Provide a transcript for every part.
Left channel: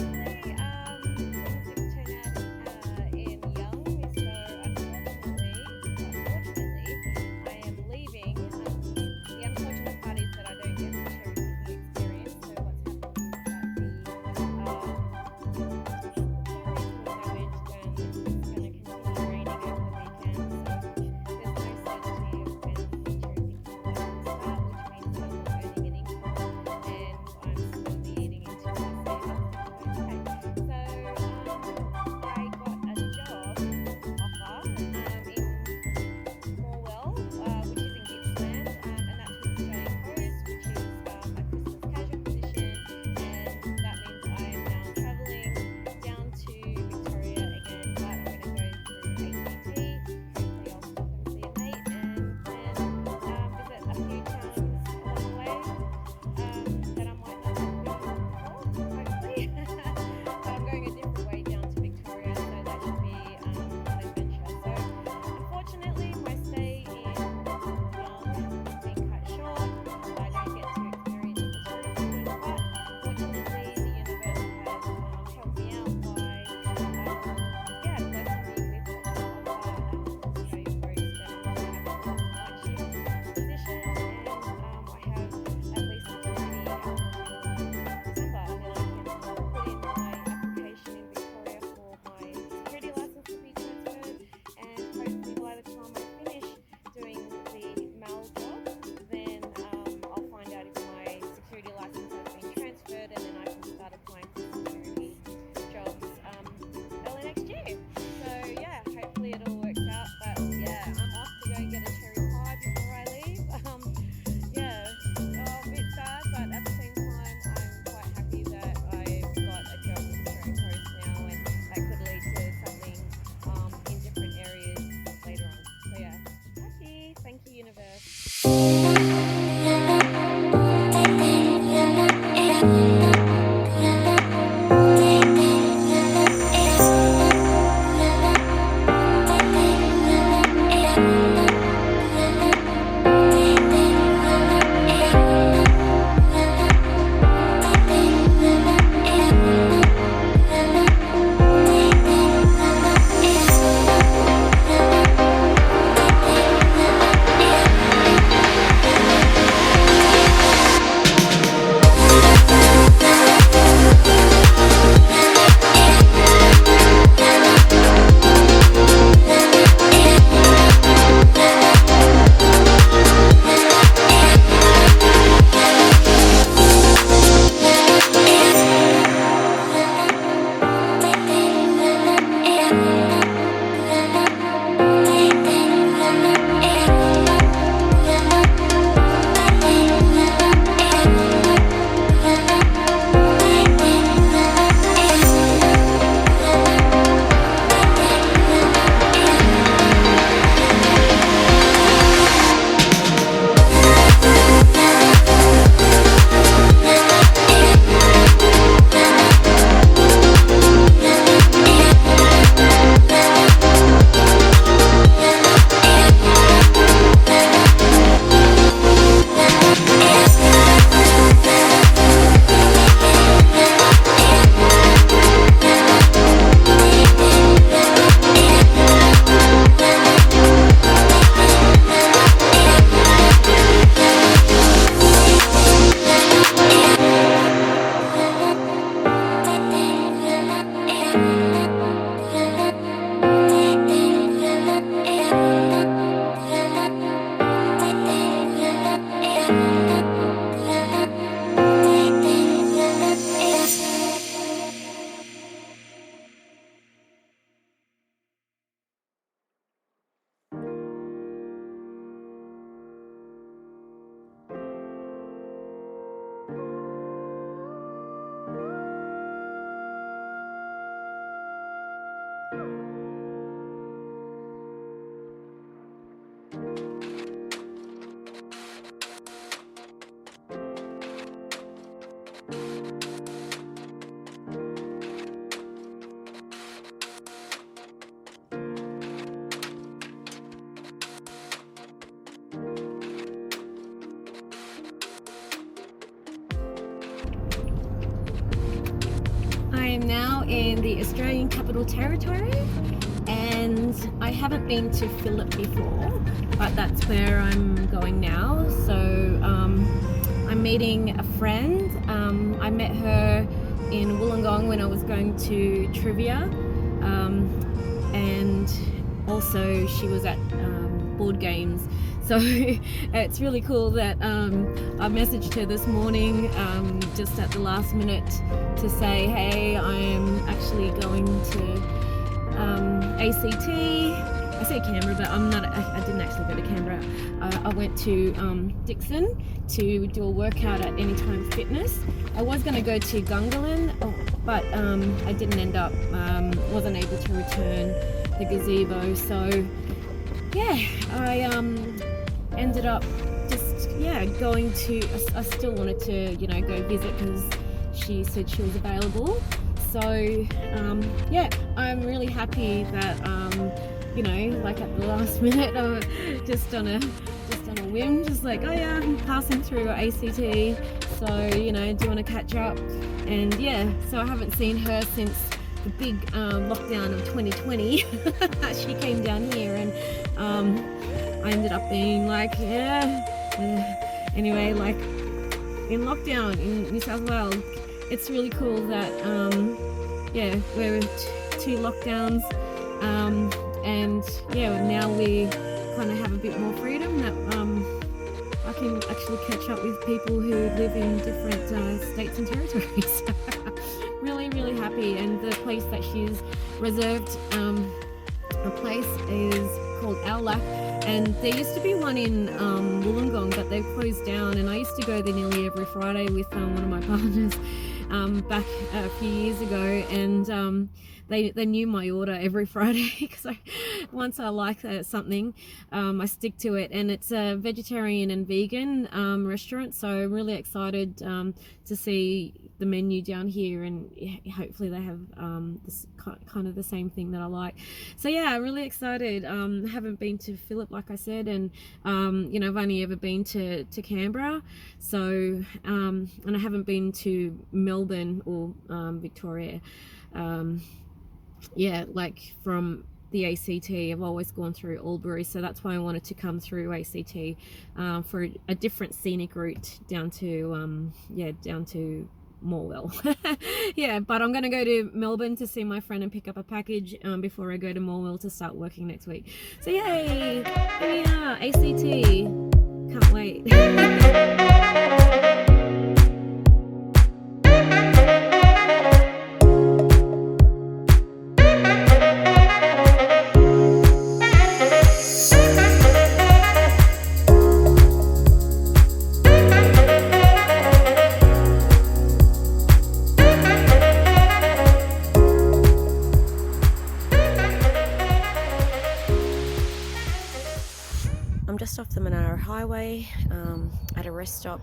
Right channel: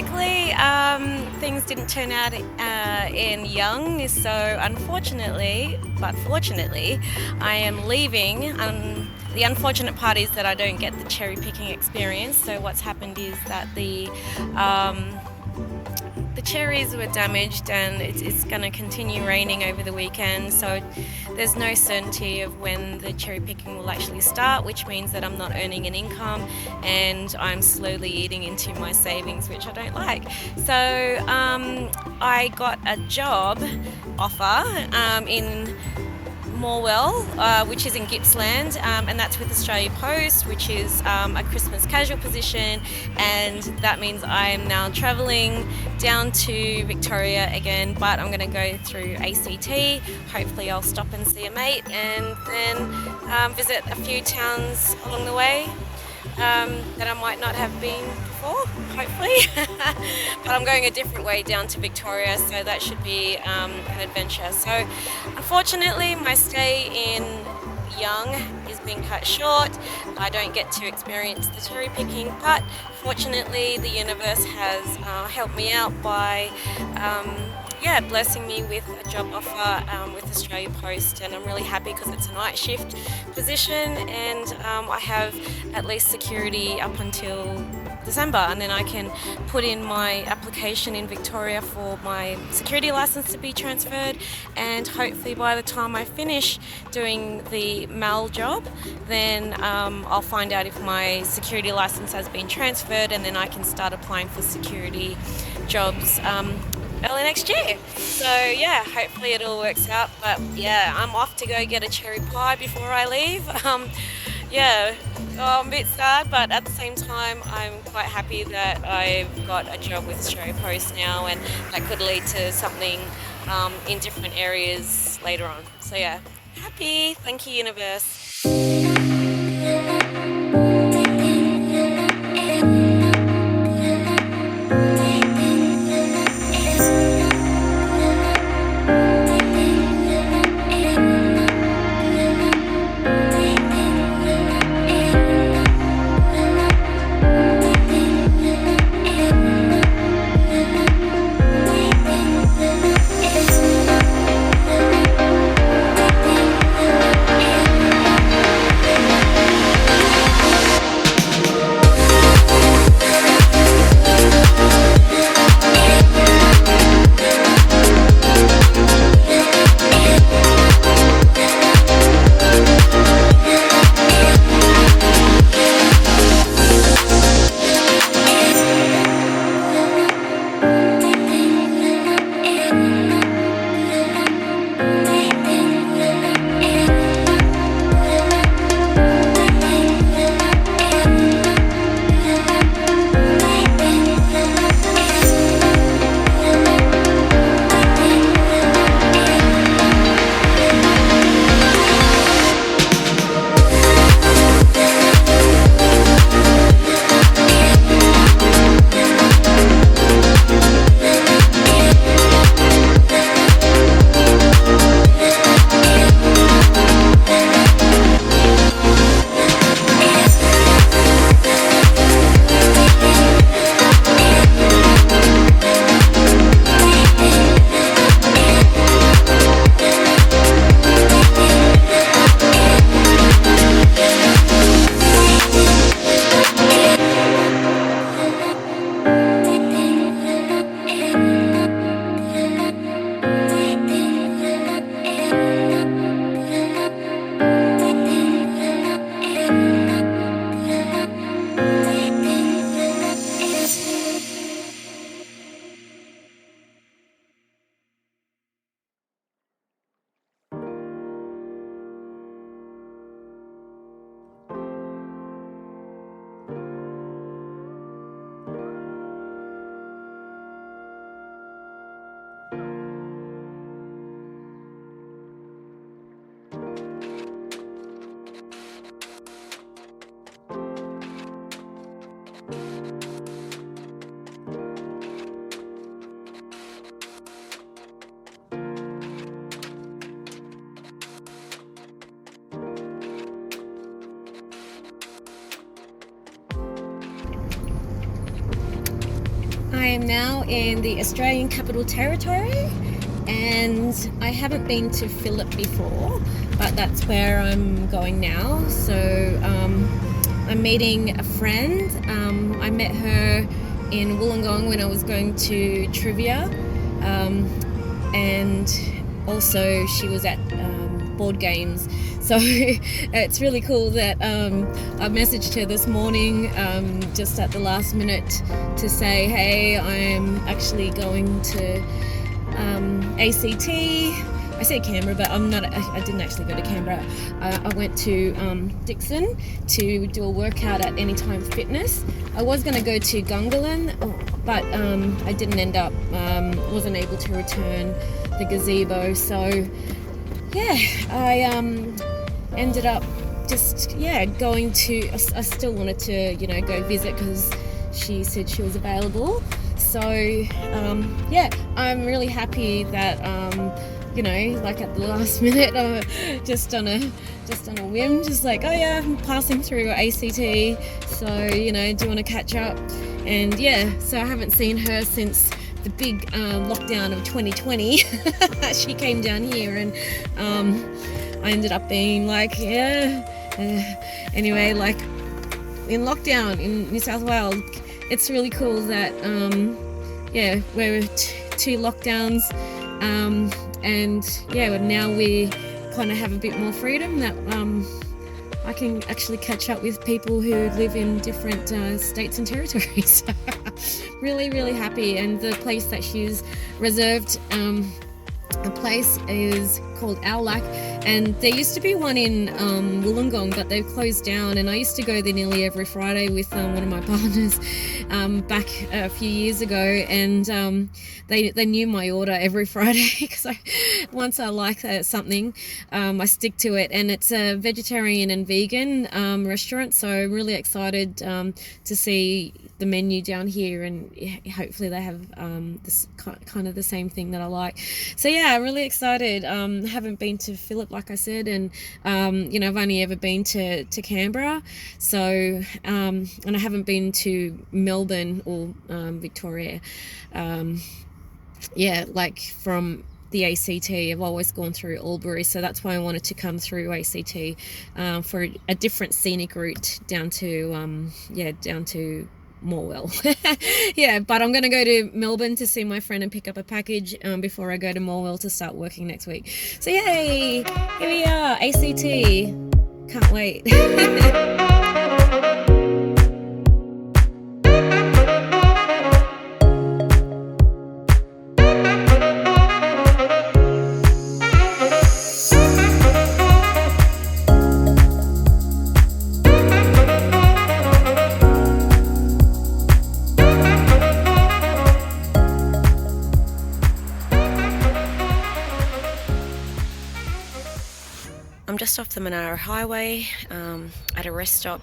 Historically, things didn't turn out in young, so unfortunately, but fortunately, I am leaving. The unfortunate part is that I don't get the cherry picking experience. So what's happened is that the cherries were damaged, and it's going to continue raining over the weekend, so there's no certainty of when the cherry picking will actually start, which means that I'm not earning an income and I'm slowly eating into my savings, which I don't like. So I got a job offer in Morwell, which is in Gippsland, and that's with Australia Post, which is a Christmas casual position, and that means I'm now travelling down to Victoria again, but I'm going to go through ACT. Hopefully I'll stop and see a mate, and then visit a few towns along the way that I might not have been before, hopefully. But I'm going a different way down to Victoria, so that should be an adventure. So unfortunately my stay in Young is being cut short. I don't get to experience the cherry picking, but fortunately the universe has helped me out by blessing me with a job offer with Australia Post, and I'm really happy because it's a night shift position, and I have at least security up until December, and then I can put in my application in Victoria for my security license to be transferred, and hopefully by the time I finish doing the MAL job, then I'll find out if my security license has been transferred, and then I can start applying for security jobs early next year. So yeah, hopefully it all works out, but yeah, I'm off to go get a cherry pie before I leave. I'm a bit sad, but at the same time I'm quite happy that I've got a job with Australia Post now, and that could lead to something in different areas later on. So yeah, happy. Thank you, universe. I am now in the Australian Capital Territory, and I haven't been to Phillip before, but that's where I'm going now. So I'm meeting a friend. I met her in Wollongong when I was going to trivia, and also she was at board games. So it's really cool that I messaged her this morning just at the last minute to say, hey, I'm actually going to ACT. I said Canberra, but I didn't actually go to Canberra. I went to Dickson to do a workout at Anytime Fitness. I was going to go to Gungahlin, but I didn't end up, wasn't able to return the gazebo. So yeah, I ended up just going to, I still wanted to go visit because she said she was available. So I'm really happy that like at the last minute, just on a whim, just like, oh yeah, I'm passing through ACT, so do you want to catch up? And so I haven't seen her since the big lockdown of 2020. She came down here, and I ended up being like, anyway, like in lockdown in New South Wales. It's really cool that we're two lockdowns, and now we kind of have a bit more freedom, that I can actually catch up with people who live in different states and territories. Really, really happy. And the place that she's reserved, a place is called Owlack, and there used to be one in Wollongong, but they've closed down, and I used to go there nearly every Friday with one of my partners back a few years ago, and they knew my order every Friday because once I like something, I stick to it. And it's a vegetarian and vegan restaurant, so I'm really excited to see the menu down here, and hopefully they have this kind of the same thing that I like. So I'm really excited. Haven't been to Phillip, like I said, and I've only ever been to Canberra, so and I haven't been to Melbourne or Victoria. Like from the ACT, I've always gone through Albury, so that's why I wanted to come through ACT for a different scenic route down to Morwell. But I'm going to go to Melbourne to see my friend and pick up a package before I go to Morwell to start working next week. So yay, here we are, ACT. Can't wait. I'm just off the Monaro Highway at a rest stop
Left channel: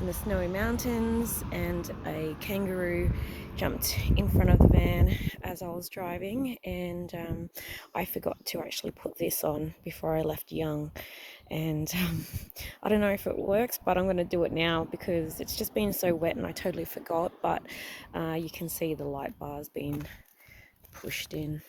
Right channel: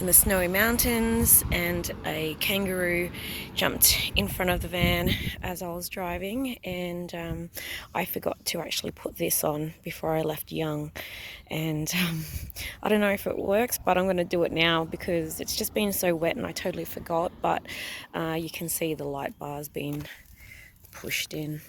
in the Snowy Mountains, and a kangaroo jumped in front of the van as I was driving, and I forgot to actually put this on before I left Young, and I don't know if it works, but I'm going to do it now because it's just been so wet and I totally forgot. But you can see the light bars being pushed in.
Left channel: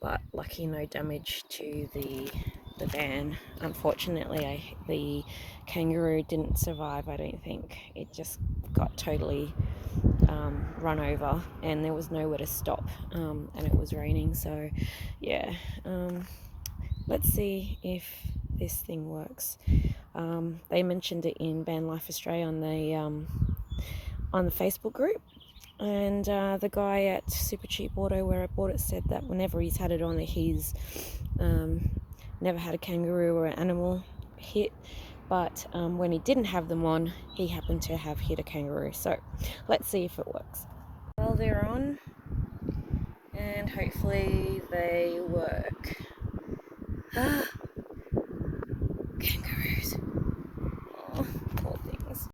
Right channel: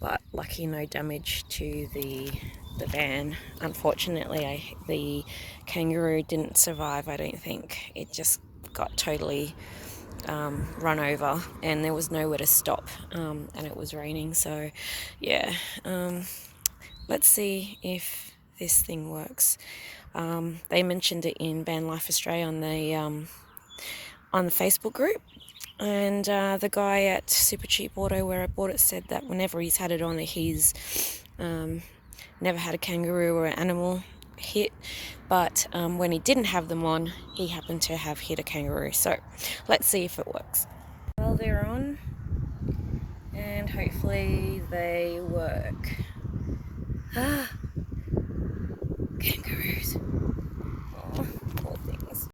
But lucky no damage to the van. Unfortunately, the kangaroo didn't survive, I don't think. It just got totally run over, and there was nowhere to stop, and it was raining. So let's see if this thing works. They mentioned it in Vanlife Australia on the Facebook group. And the guy at Super Cheap Auto where I bought it said that whenever he's had it on, he's never had a kangaroo or an animal hit, but when he didn't have them on, he happened to have hit a kangaroo. So let's see if it works. Well, they're on, and hopefully they work. Kangaroos. Oh, poor things.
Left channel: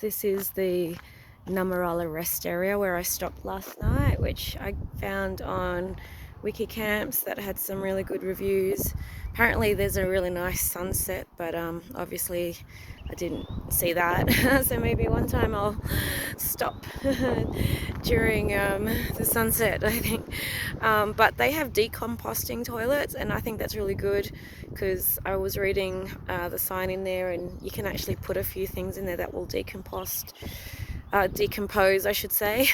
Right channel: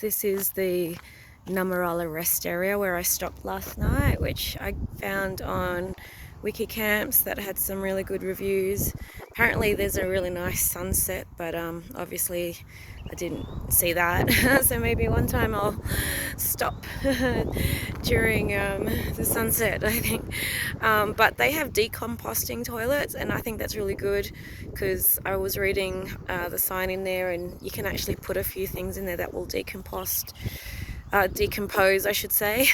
This is the Numarala rest area where I stopped last night, which I found on Wiki Camps that had some really good reviews. Apparently there's a really nice sunset, but obviously I didn't see that. So maybe one time I'll stop during the sunset, I think. But they have decomposting toilets, and I think that's really good, because I was reading the sign in there, and you can actually put a few things in there that will decompose, I should say.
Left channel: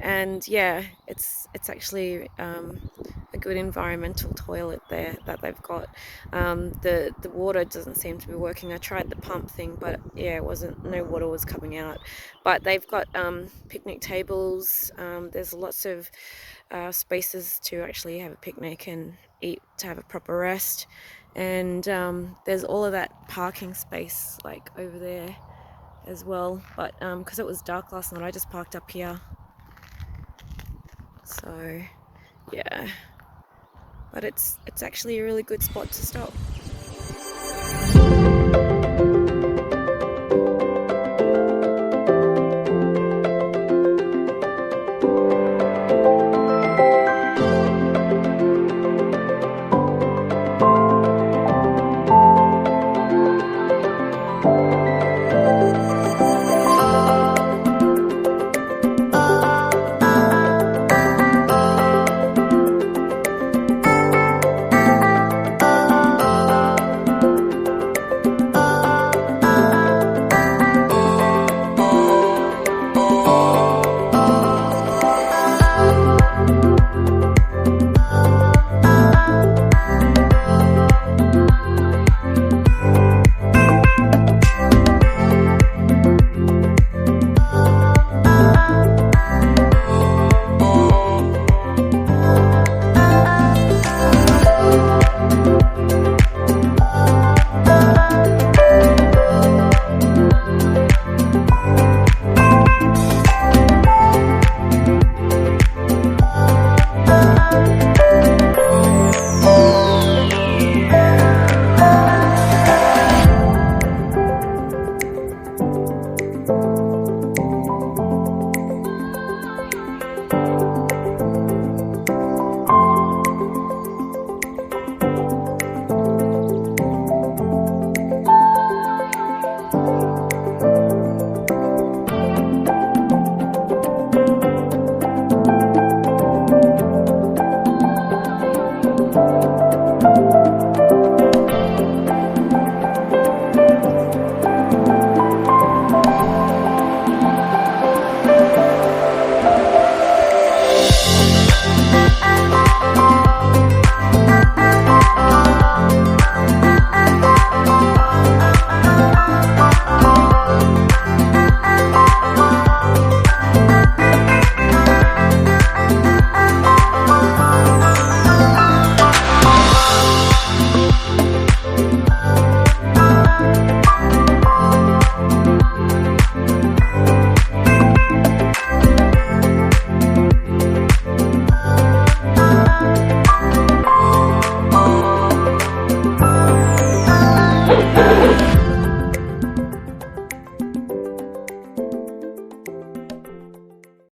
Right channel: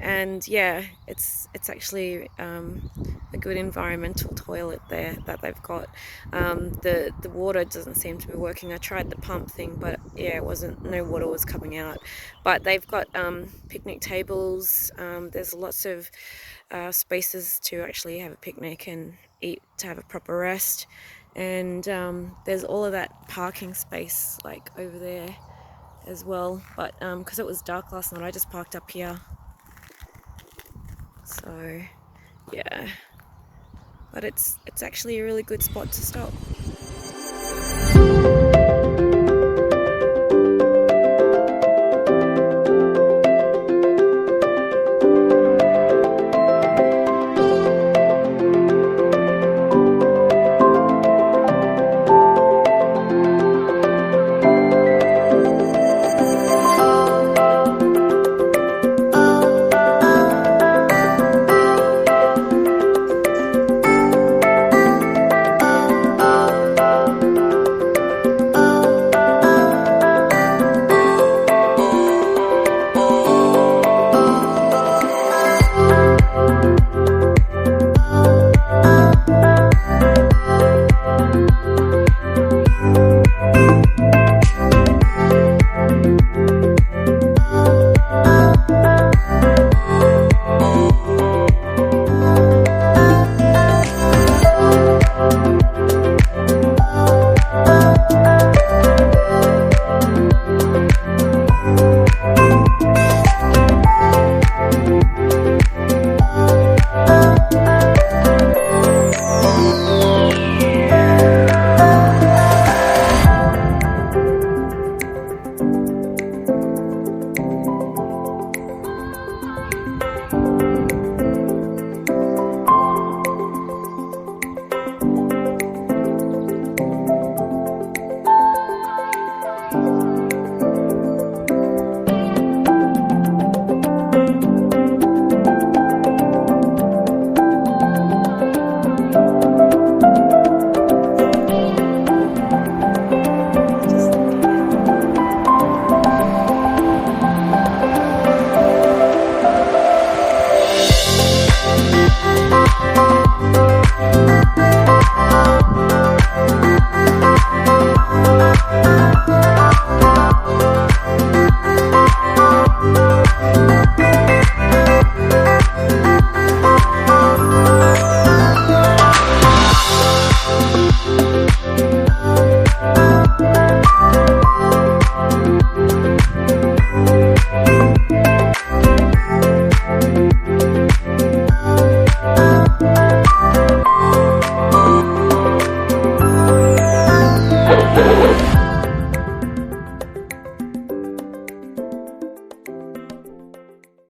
And yeah, it's actually a good environmental toilet there that they've got. The water doesn't seem to be working. I tried the pump thing, but yeah, no water was coming out. But they've got picnic tables. There's lots of spaces to actually have a picnic and eat, to have a proper rest. And there's all of that parking space like over there as well, but because it was dark last night, I just parked up here. So yeah, but it's actually a really good spot to stop.